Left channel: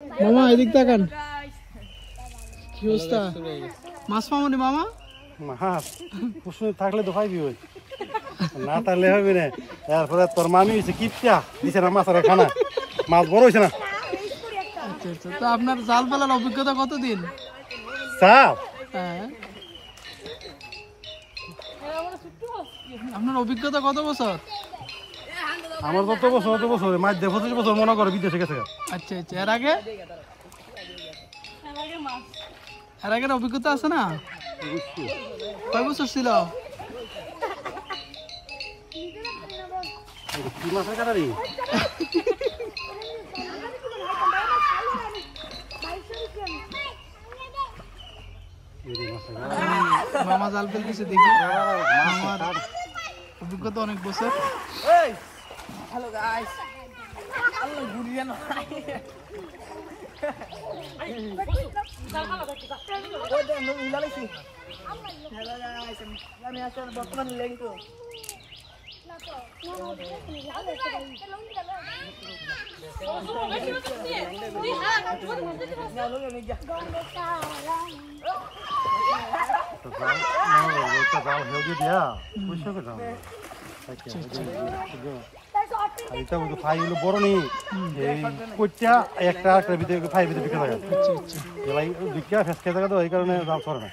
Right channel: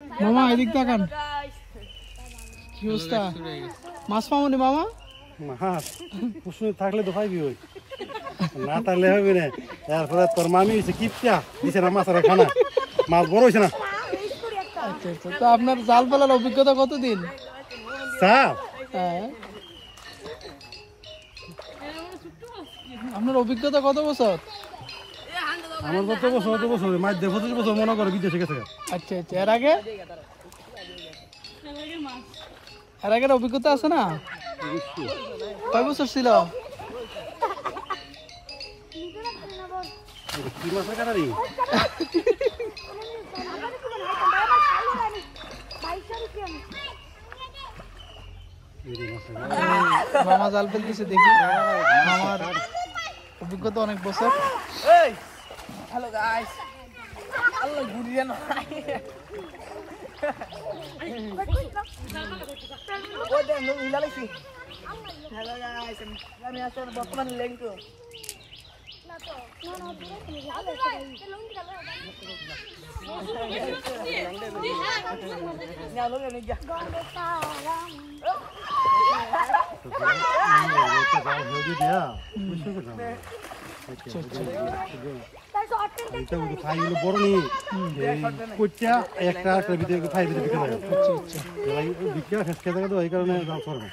মামা এদিক তাকান, কি অবস্থা? মাছ পাবনি মামা? মাছ কুসুম থাকলে তো পাইবি, ওই না থাকলে হবে না। এরপরে তোর মামি হয়েছে কিপটা দিছে না মাছের খানা, মাছ বড় হয়েছে না। আচ্ছা আচ্ছা, তো আপনার জাল ফেলার অভিজ্ঞতা কতদিন? সাপ হ্যাঁ, আপনার অভিজ্ঞতা কত বছর? আমার কত বছর মাছ দিয়ে 25 বছর মনে করে বিদেশে গেছে। আচ্ছা আচ্ছা, এর আগে অভিজ্ঞতা আছে না? কয় বছর ছিল? কি মাছের কাটারি? মামা জাল ফেলতেছে, দেখি অভিজ্ঞতা অনেক বছর। হ্যালো গাইস, আল্লাহ ঘুরিয়ে না হ্যালো গাইস, আমি আসলে বর্তমানে লেংটো বড় নেই কইটা একটা ভিতরে ফাই ভিতরে বিকে লাগে বিকা ফেস খেতে তো এই কারণে দাম করে না।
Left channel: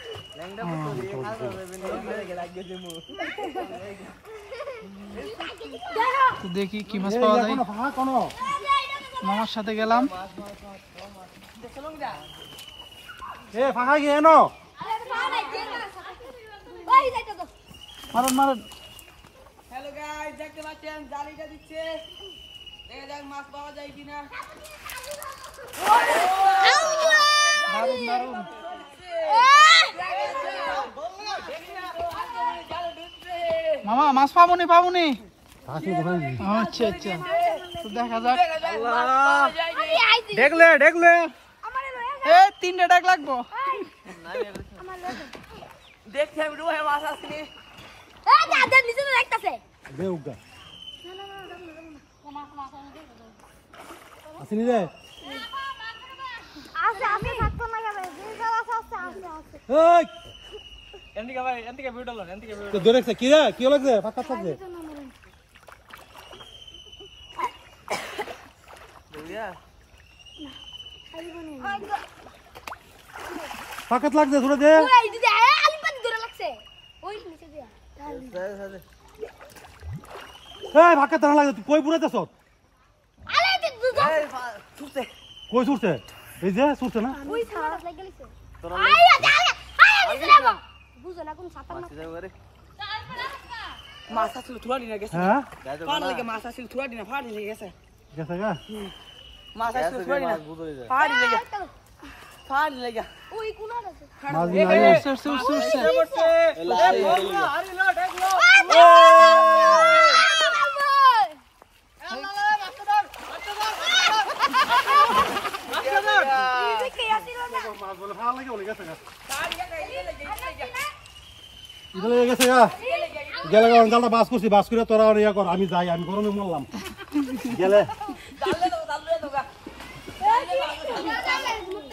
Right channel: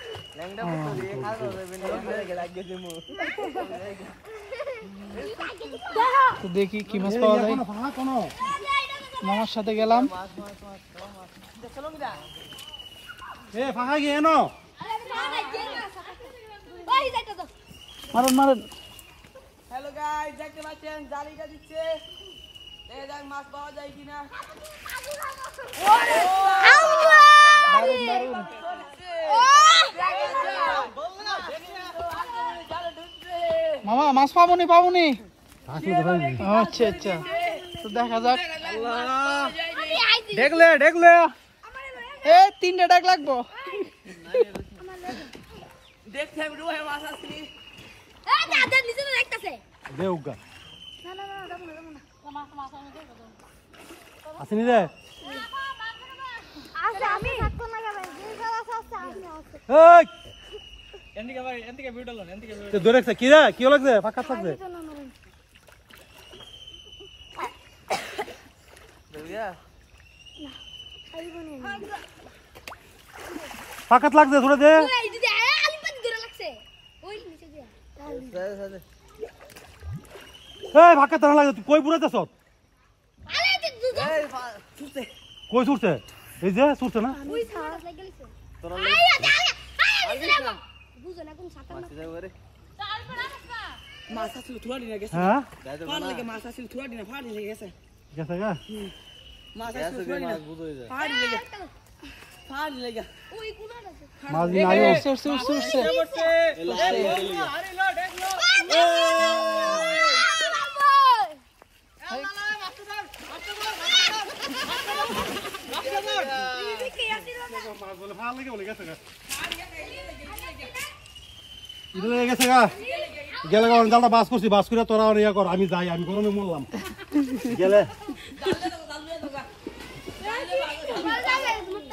তো দেখি কি মাছ পাওয়া যায়। মামার সাথে গেলাম। ফাঁকা গিয়ে ন মারুন মারুন। হ্যালো গাইস, দেখতে পাচ্ছেন জালিটা দিচ্ছে, দেখা যাক মাছ পাওয়া যায় কিনা। মামা মাছ পাবনি পাবনি? আচ্ছা আচ্ছা, তো দেখা যাক। দেখলে দেখলে তিনটা ডাক লাগবো। দেখতে আমি রুহে মাছ আসেনি। আসেনি রে ধরেছে কি রে, কি লাগছে? ফাঁকা থাকছে ফাঁকাত লাগছে ধরে দে। ফাঁকা টানা লাগছে, তুই কই বুড়াইতেছ? কই ছুটছে? এই যে ছুটছে না? মাছ আসছিল থুয়া দিনা গেছে। হ্যাঁ মাছ আসছিল থুয়া দিনা ফাড়ি লেগে গেছে। গেছে গা মাছ আসছিল থুয়া দিনা ফাড়ি লেগে ফাড়ি লেগে মাছ দিন আইও মাছ বলে ভালো লাগে বলে গেছে গা ইদলে গেছে গা গেলে গা জালটা বাস করছি, বাস করে তোরা ইয়া কর, আমি যাই, আমি গরমে মরলাম গেলে।